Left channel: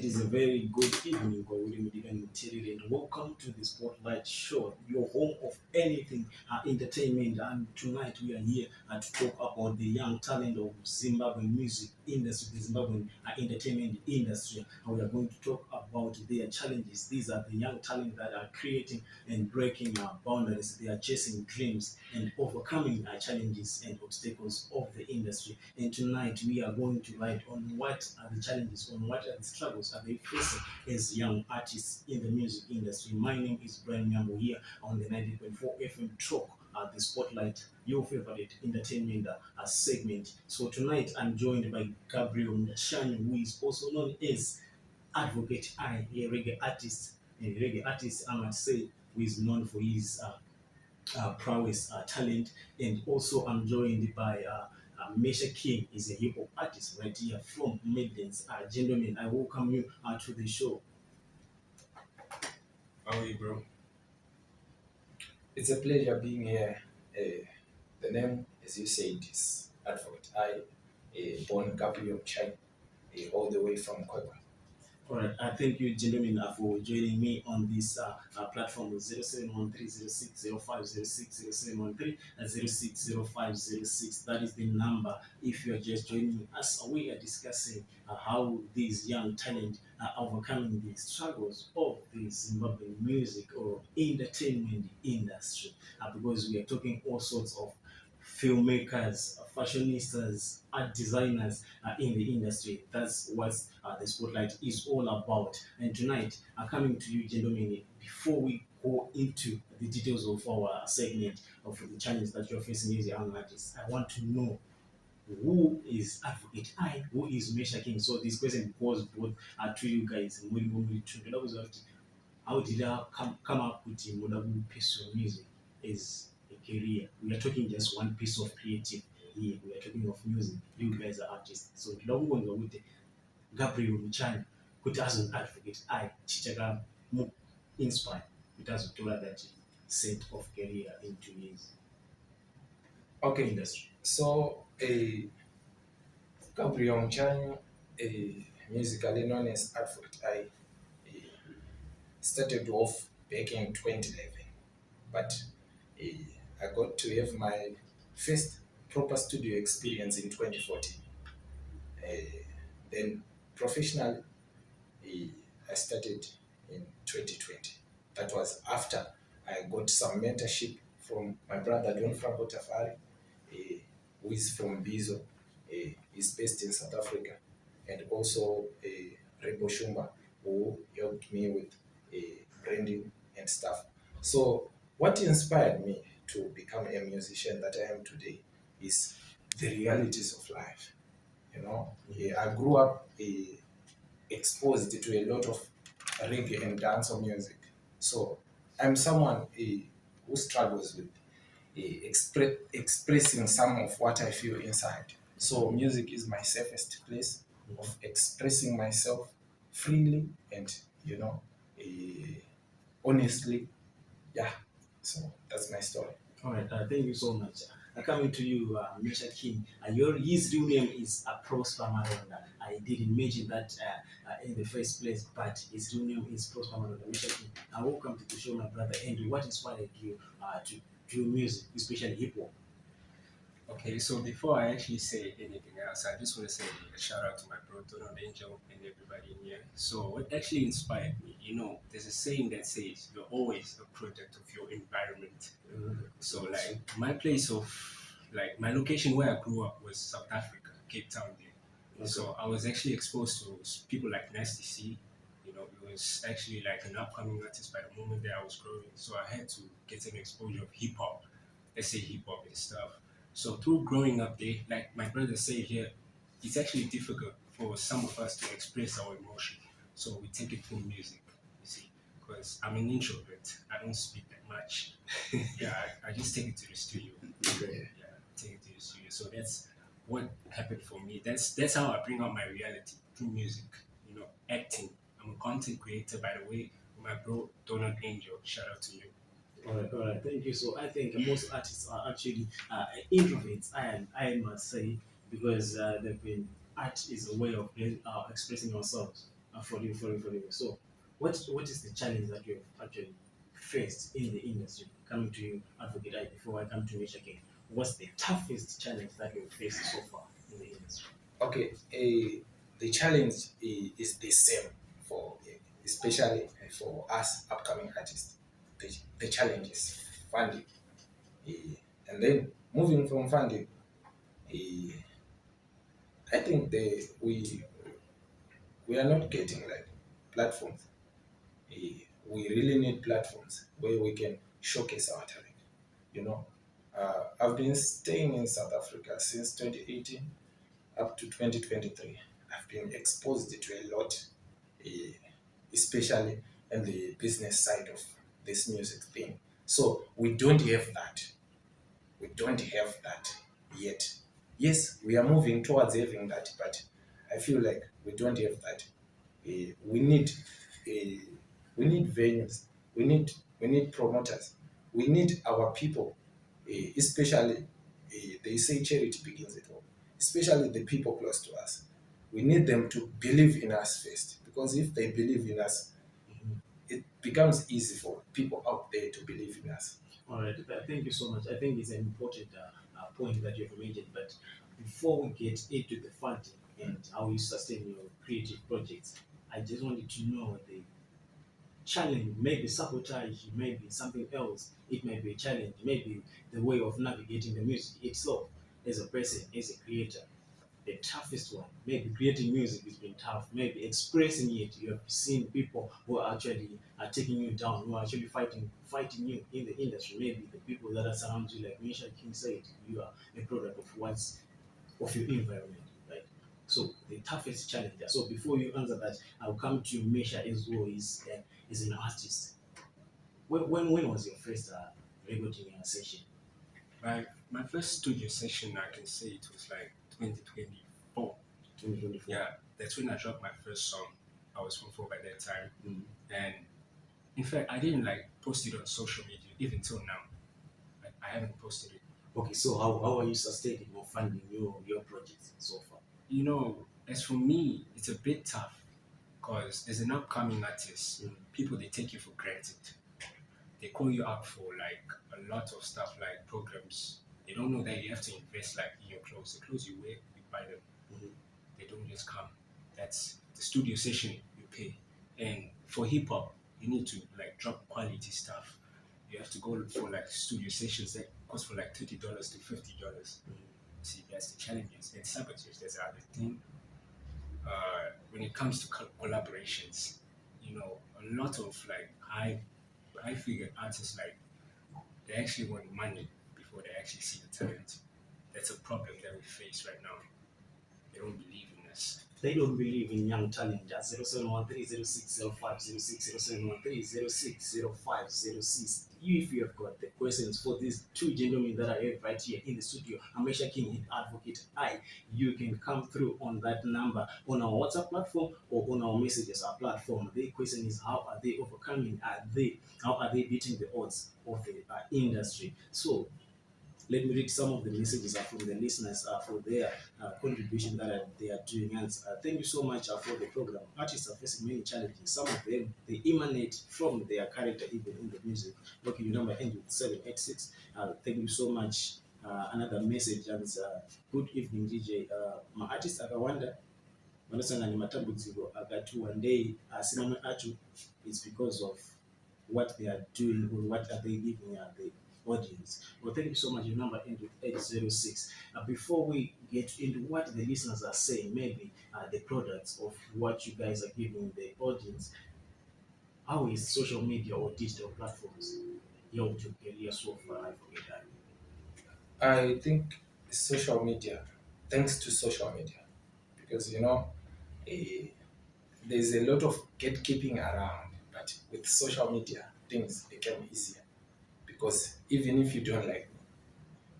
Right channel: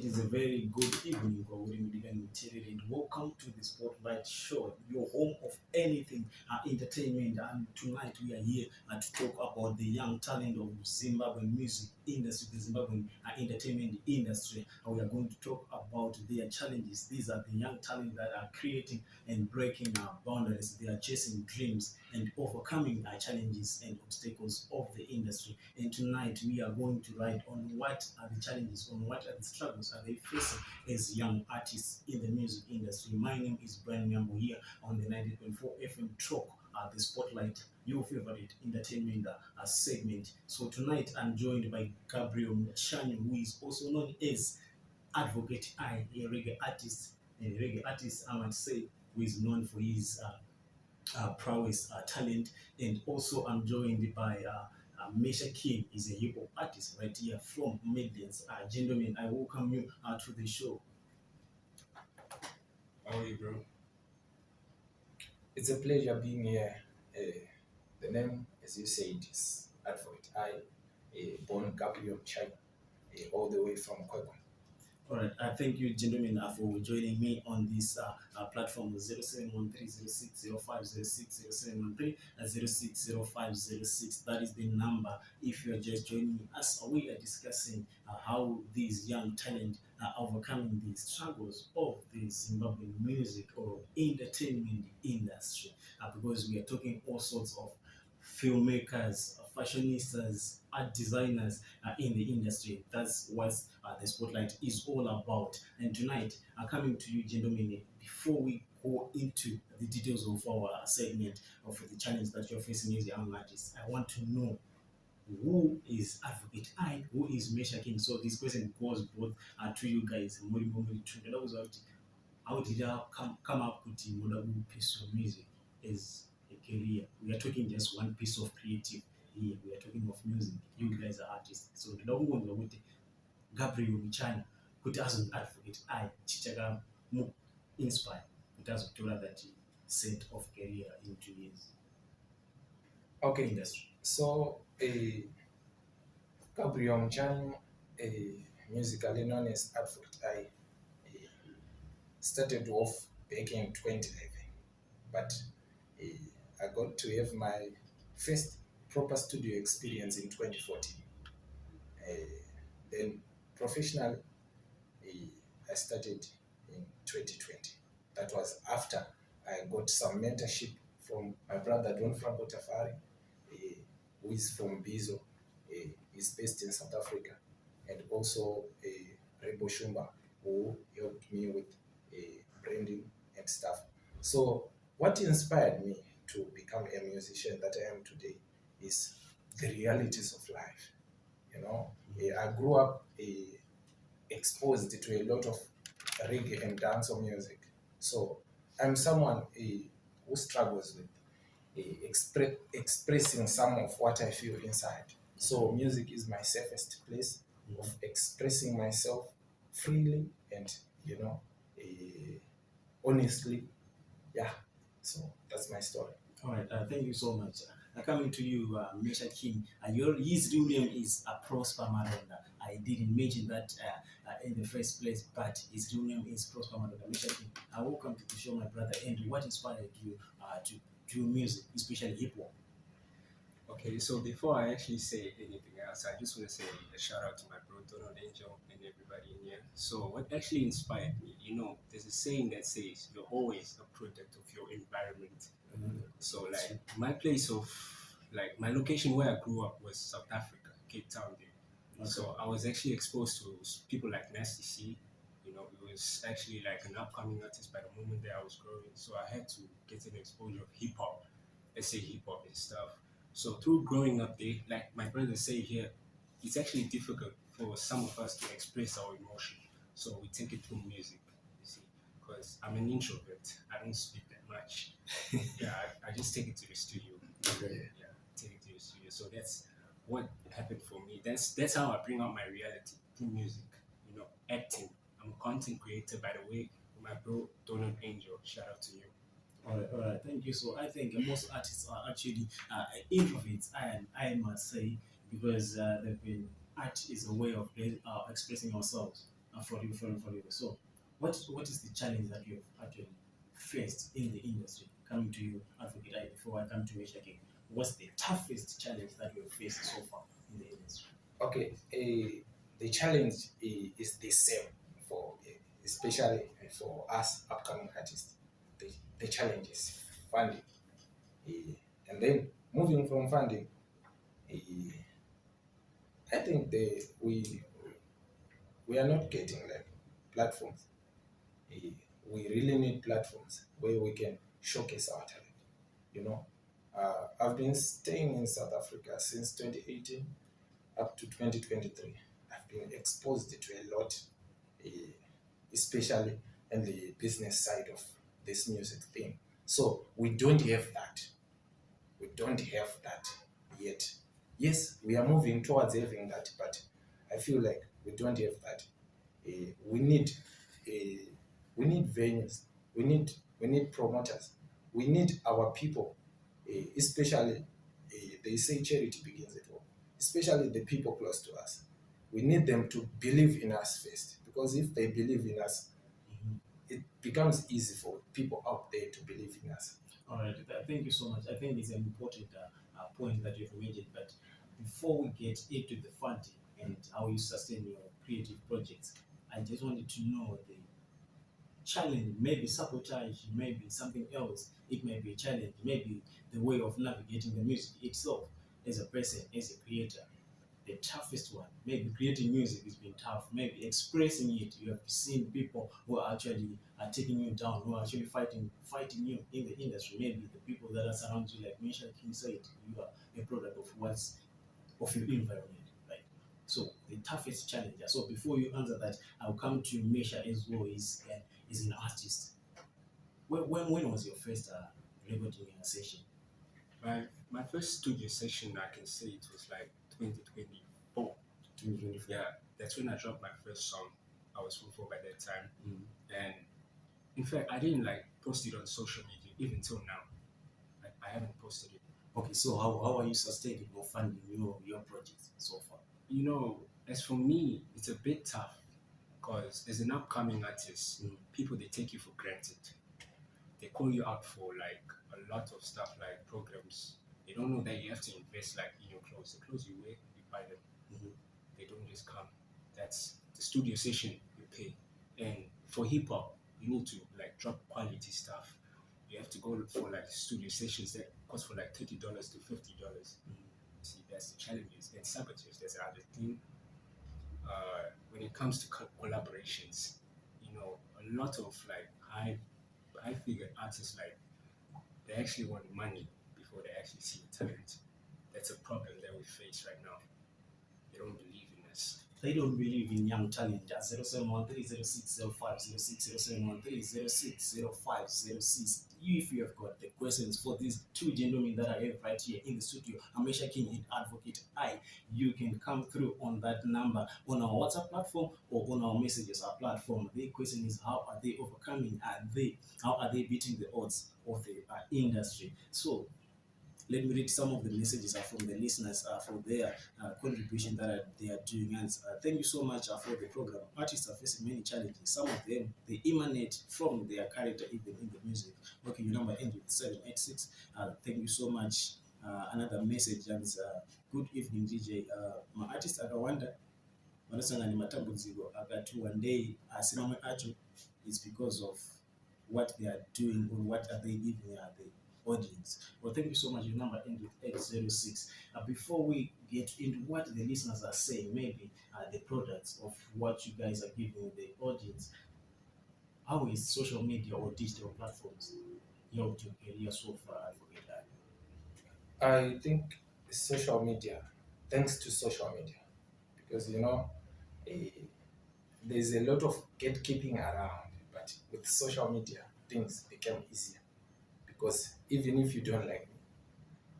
It is a very good evening, and welcome to the Spotlight Show, your home of anything entertainment. And tonight we are here to talk about the young talent of Zimbabwean music industry, the Zimbabwean entertainment industry. And we are going to talk about their challenges. These are the young talent that are creating and breaking boundaries. They are chasing dreams and overcoming challenges and obstacles of the industry. And tonight we are going to write on what are the challenges, on what are the struggles are they facing as young artists in the music industry. My name is Brian Muyambo here on the 90.4 FM Talk, the Spotlight, your favorite entertainment segment. So tonight I'm joined by Gabriel Mesha, who is also known as Advocate, a reggae artist, I might say, who is known for his prowess, talent, and also I'm joined by Mesha King, is a hip hop artist right here from Midlands. Gentlemen, I welcome you to the show. How are you, bro? It's a pleasure being here. The name, as you said, is Advocate. Born Gabriel Chai, all the way from Kwekwe. All right, thank you, gentlemen, for joining me on this platform 0713-060506, 0713-060506. That is the number. If you are just joining us, we are discussing how these young talent are overcoming the struggles of the Zimbabwean music or entertainment industry. Because we are talking all sorts of filmmakers, fashionistas, art designers in the industry. That's what the Spotlight is all about. And tonight, coming to you, gentlemen, before we go into the details of our segment of the challenge that you're facing as young artists, I want to know who is Advocate I, who is Mesha King. So this question goes both to you guys. How did I come up with the piece of music as a career? We are talking just one piece of creative here. We are talking of music. You guys are artists. So don't go with Gabriel Michana, who as an advocate, I Chichaga inspired. It has to that set of career into his industry. So Gabriel Mchanyo, musically known as Advocate I, started off back in 2011, but I got to have my first proper studio experience in 2014. Then professionally, I started in 2020. That was after I got some mentorship from my brother Don Franco Tafari, who is from Bizo, is based in South Africa, and also Rebo Shumba, who helped me with branding and stuff. So what inspired me to become a musician that I am today is the realities of life. You know, I grew up exposed to a lot of reggae and dancehall music. So I'm someone who struggles with expressing some of what I feel inside. So music is my safest place of expressing myself freely and, honestly. Yeah, so that's my story. All right, thank you so much. Coming to you, Mesha King. His real name is Prosper Maronda. I didn't mention that in the first place, but his real name is Prosper Maronda. Mesha King, welcome to the show, my brother. And what inspired you to do music, especially hip hop? Okay, so before I actually say anything else, I just want to say a shout out to my bro Donald Angel and everybody in here. So what actually inspired me, there's a saying that says you're always a product of your environment. So like my my location where I grew up was South Africa, Cape Town there. Okay. So I was actually exposed to people like Nasty C. It was actually like an upcoming artist by the moment that I was growing. So I had to get an exposure of hip hop, let's say hip hop and stuff. So through growing up there, like my brother say here, it's actually difficult for some of us to express our emotion. So we take it through music, you see, because I'm an introvert. I don't speak that much. Yeah, I just take it to the studio. Okay. Yeah, take it to the studio. So that's what happened for me. That's how I bring out my reality through music. Acting. I'm a content creator, by the way. My bro Donald Angel. Shout out to you. All right, thank you. So I think most artists are actually introverts, I must say, because art is a way of expressing ourselves. For you. So, what is the challenge that you have actually faced in the industry? Coming to you, Advocate I, before I come to Mesha King, what's the toughest challenge that you have faced so far in the industry? Okay, the challenge is the same for, especially for us upcoming artists. The, the challenge is funding. And then moving from funding, eh, I think we are not getting like platforms. Eh, we really need platforms where we can showcase our talent. You know, I've been staying in South Africa since 2018 up to 2023. I've been exposed to a lot, eh, especially in the business side of this music thing. So we don't have that. We don't have that yet. Yes, we are moving towards having that, but I feel like we don't have that. We need uh, we need venues. We need promoters. We need our people, especially they say charity begins at home. Especially the people close to us. We need them to believe in us first, because if they believe in us, it becomes easy for people out there to believe in us. All right, thank you so much. I think it's an important point that you've mentioned. But before we get into the funding and how you sustain your creative projects, I just wanted to know the challenge, maybe sabotage, maybe something else. It may be a challenge, maybe the way of navigating the music itself as a person, as a creator. The toughest one, maybe creating music has been tough, maybe expressing it. You have seen people who are actually taking you down, who are actually fighting you in the industry. Maybe the people that are surround you, like Mesha King said, you are a product of what's of your environment, right? So the toughest challenge. So before you answer that, I'll come to Mesha as well. Is an artist. When was your first recording session? My first studio session, I can say it was like 2024. 2024. Yeah, that's when I dropped my first song. I was 24 by that time. Mm. And in fact, I didn't like post it on social media even till now. Like, I haven't posted it. Okay, so how are you sustaining or funding your projects so far? You know, as for me, it's a bit tough because as an upcoming artist, people they take you for granted. They call you out for like a lot of stuff like programs. They don't know that you have to invest like in your clothes. The clothes you wear, you buy them. Mhm. They don't just come. That's the studio session you pay. And for hip hop, you need to like drop quality stuff. You have to go for like studio sessions that cost from like $30 to $50. See, that's the challenges. And sabotage, that's the other thing. When it comes to collaborations, you know, a lot of like high figure artists like they actually want money before they actually see the talent. That's a problem that we face right now. They don't believe in us. They don't believe in young talent. 0713060506, 0713060506. If you have got the questions for these two gentlemen that I have right here in the studio, Mesha King and Advocate I, you can come through on that number on our WhatsApp platform or on our messages our platform. The question is, how are they overcoming? How are they beating the odds of the industry? So let me read some of the messages from the listeners for their contribution that they are doing. And thank you so much for the program. Artists are facing many challenges. Some of them they emanate from their character, even in the music. Okay, your number ends with 786. Thank you so much. Another message and good evening, DJ. My artist akawanda vanosangana nematambudziko akati one day asi mamwe acho it's because of what they are doing or what are they giving the audience. Well, thank you so much. Your number ends with 806. Before we get into what the listeners are saying, maybe the products of what you guys are giving the audience, how is social media or digital platforms helped your career so far? I forget that. I think social media, thanks to social media, because you know, eh, there's a lot of gatekeeping around, but with social media, things become easier. Because even if you don't like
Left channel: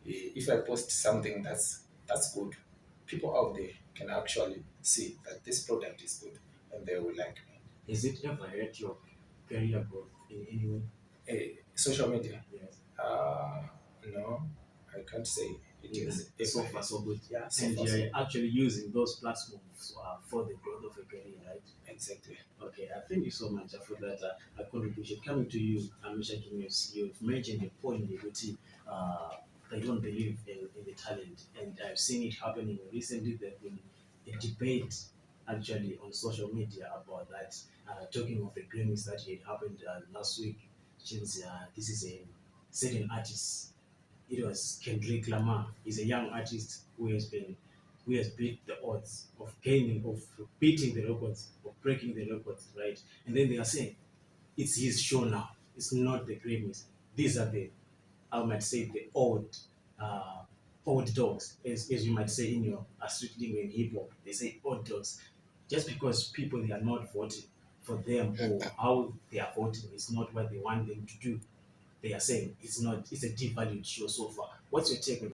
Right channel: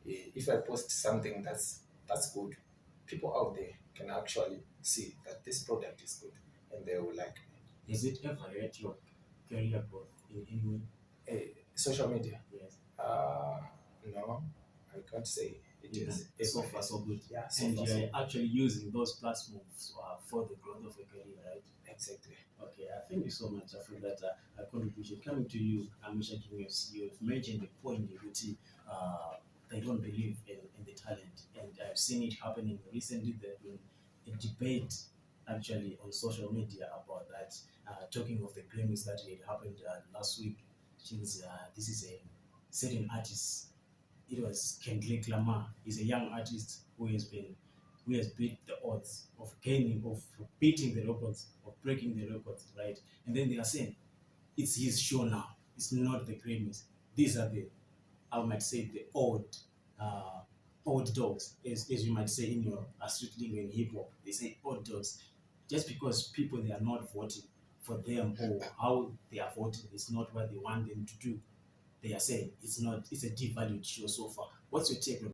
me, if I post something that's good, people out there can actually see that this product is good and they will like me. Has it ever hurt your career growth in any way? Social media, Yes. no, I can't say it It is So far, so good. Yeah, so And far, so you're good. actually using those platforms for the growth of a career, right? Exactly. Okay, thank you so much for that contribution. Coming to you, Mesha, you've mentioned a point that they don't believe in the talent, and I've seen it happening recently. There's been a debate actually on social media about that. Talking of the Grammys that had happened last week, since this is a certain artist, it was Kendrick Lamar. He's a young artist who has beat the odds of beating the records, of breaking the records, right? And then they are saying it's his show now. It's not the Grammys. These are the, I might say, the uh, old dogs, as you might say in your street lingo in hip hop. They say old dogs, just because people they are not voting for them or how they are voting is not what they want them to do. They are saying it's not. It's a devalued show so far. What's your take on